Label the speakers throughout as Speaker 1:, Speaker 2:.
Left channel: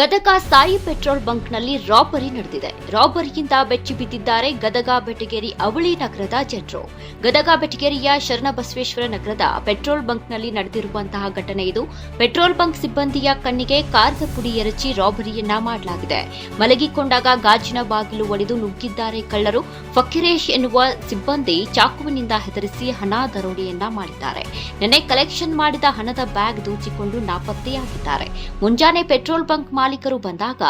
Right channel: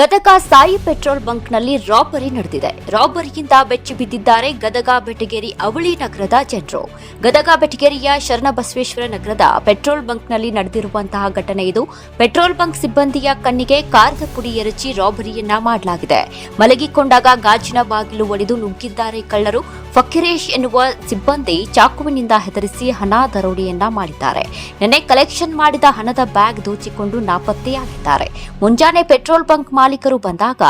Speaker 1: Gadag Sai petrol ಬಂಕ್ನಲ್ಲಿ robbery ನಡೆದಿದೆ. ರಾಬರಿಯಿಂದ ಬೆಚ್ಚಿ ಬಿದ್ದಿದ್ದಾರೆ ಗದಗ ಬೆಟಗೇರಿ ಅವಳಿ ನಗರದ ಜನರು. ಗದಗ ಬೆಟಗೇರಿಯ ಶರಣಬಸವೇಶ್ವರ ನಗರದ ಪೆಟ್ರೋಲ್ ಬಂಕ್ನಲ್ಲಿ ನಡೆದಿರುವಂತಹ ಘಟನೆ ಇದು. ಪೆಟ್ರೋಲ್ ಬಂಕ್ ಸಿಬ್ಬಂದಿಯ ಕಣ್ಣಿಗೆ ಕಾರದ ಪುಡಿ ಎರಚಿ ರಾಬರಿಯನ್ನ ಮಾಡಲಾಗಿದೆ. ಮಲಗಿಕೊಂಡಾಗ ಗಾಜಿನ ಬಾಗಿಲು ಒಡೆದು ನುಗ್ಗಿದ್ದಾರೆ ಕಳ್ಳರು. ಫಕೀರೇಶ್ ಎನ್ನುವ ಸಿಬ್ಬಂದಿ ಚಾಕುವಿನಿಂದ ಹೆದರಿಸಿ ಹಣ ದರೋಡೆಯನ್ನ ಮಾಡಿದ್ದಾರೆ. ನಿನ್ನೆ ಕಲೆಕ್ಷನ್ ಮಾಡಿದ ಹಣದ ಬ್ಯಾಗ್ ದೋಚಿಕೊಂಡು ನಾಪತ್ತೆಯಾಗಿದ್ದಾರೆ. ಮುಂಜಾನೆ ಪೆಟ್ರೋಲ್ ಬಂಕ್ ಮಾಲೀಕರು ಬಂದಾಗ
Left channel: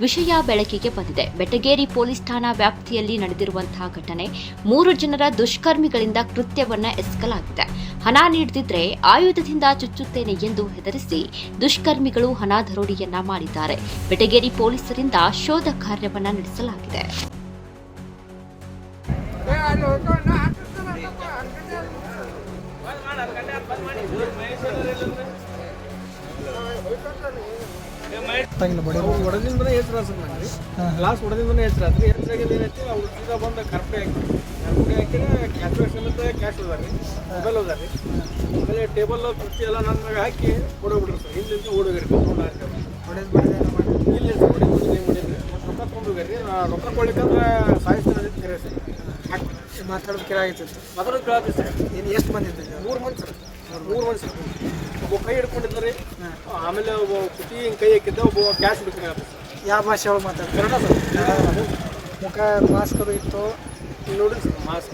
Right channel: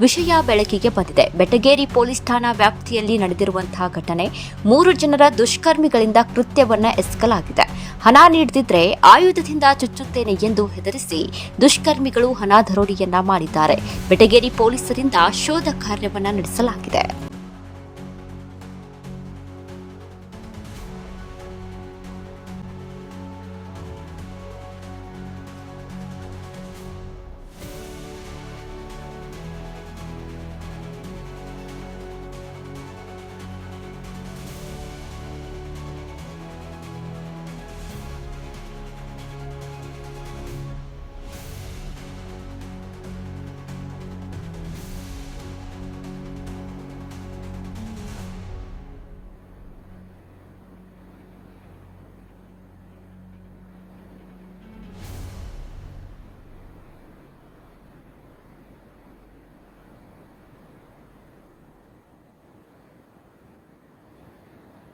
Speaker 1: ವಿಷಯ ಬೆಳಕಿಗೆ ಬಂದಿದೆ. ಬೆಟಗೇರಿ ಪೊಲೀಸ್ ಠಾಣಾ ವ್ಯಾಪ್ತಿಯಲ್ಲಿ ನಡೆದಿರುವಂತಹ ಘಟನೆ ಮೂರು ಜನರ ದುಷ್ಕರ್ಮಿಗಳಿಂದ ಕೃತ್ಯವನ್ನ ಎಸಗಲಾಗಿದೆ. ಹಣ ನೀಡದಿದ್ರೆ ಆಯುಧದಿಂದ ಚುಚ್ಚುತ್ತೇನೆ ಎಂದು ಹೆದರಿಸಿ ದುಷ್ಕರ್ಮಿಗಳು ಹಣ ದರೋಡಿಯನ್ನ ಮಾಡಿದ್ದಾರೆ. ಬೆಟಗೇರಿ ಪೊಲೀಸರಿಂದ ಶೋಧ ಕಾರ್ಯವನ್ನ ನಡೆಸಲಾಗಿದೆ.
Speaker 2: ಗೊತ್ತಾಗಿಲ್ಲ ಬಡಿ
Speaker 3: ಹೊಡೆದಿಂದನೇ ಹೆಸರು ಮಾಡಿ ಲಾಸ್ಟ್ ಹೊಡೆದಿಂದನೇ ಆತ್ರಿ ಹೆಸರಾಗಿದ್ದು ಏನೈತಿ ಅವ್ರು ಸೀದಾ ಬಂದು ಕರ್ಪೆ ಹಾಕಿ ಕರ್ಪೆ ಹಾಕಿ ಕ್ಯಾಶ್ ಅಂತ ಕ್ಯಾಶ್ ರೀ ಮೊಬೈಲ್ ಅದಾರಿ ಆಮೇಲೆ ಟೇಬಲ್ ಕುರ್ಚಿ ಎಲ್ಲ ನನ್ನ ಹಾಕಿ ಓಡೋಗ್ಬಿಟ್ರಿ ಸರ್. ಇಲ್ಲಿಂದ ಓಡೋಗಿರಿ.
Speaker 2: ಹೊಡೆದು ಮಾಡಿ
Speaker 3: ಇಲ್ಲಿ ಹೊಡೆದು ರೊಕ್ಕ ತೊಗೊಂಡೋಗ್ರಿ ರೊಕ್ಕ ಕೊಡ್ಲಿಕ್ಕಂದ್ರೆ ಸಾಯಿಸ್ತಾರೆ
Speaker 2: ಮಾತಾಡೋದು ಕಿರ
Speaker 3: ಮಾತಾಡೋದು ಕೇಳತ್ತಿ ಸರ್.
Speaker 2: ಏನು ಎಷ್ಟು ಬಂದಿದ್ದು
Speaker 3: ಮೂರು ಮಂದಿ ಸರ್. ಮೂರು ಮಂದಿ. ಸರ್. ಒಬ್ಬ ಕೈ ಹಿಡ್ಕೊಂಡಿದ್ದಾರೆ ಆಮೇಲೆ ಒಬ್ಬ ಕುಟಿ ಹಿಂಗೆ ಕೈ ಹಾಕಿದ್ದ ಒಬ್ಬ ಕ್ಯಾಶ್ ಹಿಡ್ಕೊಂಡು
Speaker 2: ಯಾವ ಭಾಷೆ ಒಳಗೆ ಮಾತಾಡ್ತಾರೆ?
Speaker 3: ಕನ್ನಡ ಸರ್.
Speaker 2: ಮುಖ ಮಾಸ್ಕ್ ಅದು ಇತ್ತು.
Speaker 3: ನೋಡಿ ಸರ್ ಮಾಸ್ಕ್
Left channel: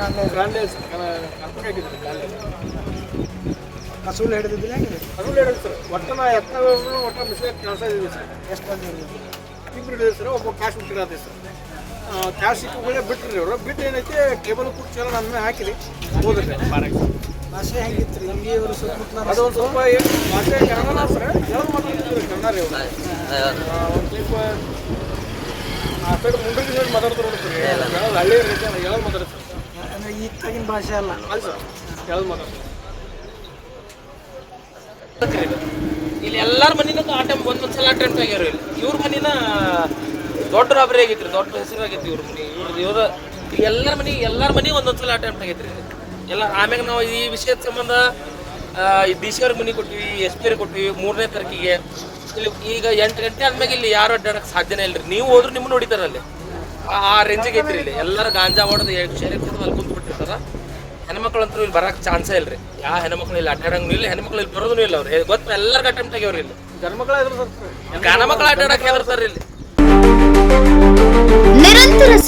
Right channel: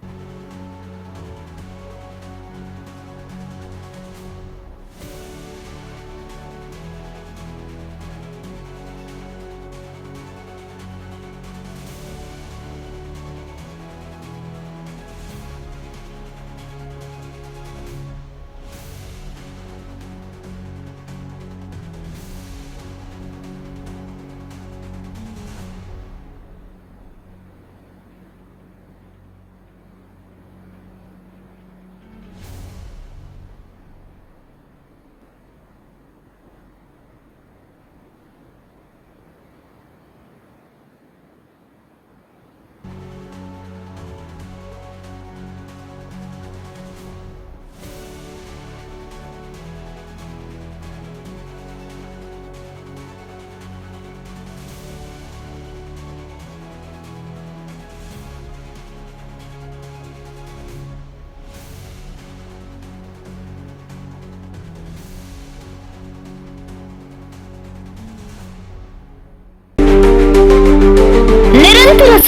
Speaker 2: ಕಾಣಲೇ ಇಲ್ಲ
Speaker 3: ಗ್ರಾಂಡೆ ಕರ್ಕೊಂಡಿದ್ರಿ ಗ್ರಾಂಡೆ
Speaker 2: ಕಸೂಲು ಹಿಡಿದಿದ್ದಿಲ್ಲ ಹೆಂಗಿದೆ
Speaker 3: ಅದು ಹೇಳಿದ್ರು ಸರ್. ಒಟ್ಟು ನಾ ಎತ್ತ ಒಟ್ಟು ಮಿಸ್ಟೇಕ್ ಕಾಣಿಸ್ತಾ ಸರ್.
Speaker 2: ಎಷ್ಟು ಮಂದಿ
Speaker 3: ಇಬ್ರು ಹೇಳಿದ್ರು ಸರ್ ಒಬ್ಬ ಕ್ಯಾಶ್ ಬಿಟ್ಟಿರತ್ತೆ ಸರ್. ಕ್ಯಾಶ್ ಸಿಕ್ಕುಗಳೇ ಬಿಟ್ರಿ ಅವರು. ಬಿಟ್ಟು ಏನೈತೆ? ಕೇಬಲ್ ಕುರ್ಚಿ ಎಲ್ಲ ನನ್ನ ಹಾಕಿರಿ ಹೋದ್ರಿ
Speaker 2: ಭಾಷೆ ಹೆಂಗಿತ್ತು ನಮಗೆ ಇವರು ಸುತ್ತಮುತ್ತಲ
Speaker 3: ಅದು ಒಂದು ಸ್ವಲ್ಪ ಏನು ಭಾಷೆ ಕನ್ನಡ ಸರ್. ಎಲ್ಲ ಮಾತಾಡ್ತಿದ್ರು ಕನ್ನಡ ರೀ ಅವರು. ಒಂದು ಸ್ವಲ್ಪ ಆ ಸೈಡ್ ಮುಂಡ್ರಿಗೆ ಸೈಡ್ ಮಾತಾಡ್ತಾರೆ ನೋಡಿ ಸರ್. ಹೇಳೋದು ಹಳ್ಳಿ ರೀತಿ ಹೇಳೋದು ಮಾತಾಡ್ತಾರೆ ಸರ್?
Speaker 2: ಅಂದರೆ ಈ ತಗಿನ ಭಾಷೆ ಅಲ್ಲ.
Speaker 3: ಅಲ್ಲ ಸರ್. ಎಲ್ಲ ಮಾತಾಡ್ತಾರೆ?
Speaker 4: ಇಲ್ಲಿ ಎಲ್ಲಾರ ಮನಿನೂ ಆ ಟೈಮ್ ಒಂದೊಂದು ಸಲ ಅಟೆಂಪ್ಟ್ ಆಗ್ಯಾರ ಇಲ್ಲಿ ಇವ್ರ ಮನಿನ ದೊಡ್ಡ ರಾಬರಿ ಆಗೈತ್ರಿ, ದೊಡ್ಡ ಹೆಸರು ಆಗೈತಿ ಇವ್ರ ಮನಿ. ಇವ್ರ ಎಲ್ಲರ ಮನಿ, ಎಲ್ಲಾರ ಮನಿ ಒಂದೊಂದು ಸಲ ಅಟೆಂಪ್ಟ್ ಆಗೈತ್ರಿ. ಎಲ್ಲ ಆಮ್ಯಾಗ ನಾವು ಈ ವಿಷಯದ ಸಂಬಂಧ ಸಿ ಅವ್ರ ಮನಿ ಕೊಟ್ವಿ ಎಸ್ ಪಿ ಕೊಟ್ವಿ, ಮೂರನೇ ತಾರೀಕಿಗೆ. ಇಲ್ಲಿ ಈಗ ಎಂಟು ಗಂಟೆ ಆದ್ಮೇಲೆ ಇಲ್ಲಿ ಯಾರು ಅಡ್ಡಾಡಕ್ಕೆ ಸಾಧ್ಯನೇ ಇಲ್ರಿ. ನೀವು ಹೋದ್ರು ನಿಮ್ಮನ್ನ ಹೊಡಿತಾರಲ್ಲಿ. ಆ- ರೇಂಜಿಗೆ ಐತ್ರಿ ಇಲ್ಲಿ. ಎಲ್ಲರೂ ಗಾಂಜಾ ಹೊಡೆದು ಶೇರಿ ಅಲ್ಲಿ ಕುಂತ್ಬಿಟ್ಟಿರ್ತಾರ ಹೆಣ್ಮಕ್ಳು ಅಂತೂ ಇಲ್ಲಿ ಬರಕ್ಕೆ ಚಾನ್ಸೇ ಇಲ್ರಿ. ಯಾವ ಹೆಣ್ಮಕ್ಳು ಇಲ್ಲಿ ಅಡ್ಡಾಡಂಗೂ ಇಲ್ಲ, ಹೆಣ್ಮಕ್ಳು ಇಲ್ಲಿ ಬರೋದೂ ಇಲ್ಲ ಅವ್ರು. ಗೊತ್ತ ಎಲ್ಲರಿಗೂ ಅಟೆಂಪ್ಟ್ ಆಗ್ಯವ್ರಿ ಇಲ್ಲಿ. ಗಣಮಕ್ಳು ಅಡ್ಡಾಡಕ್ಕೆ ಹೆದರ್ತಾರ ಇಲ್ಲಿ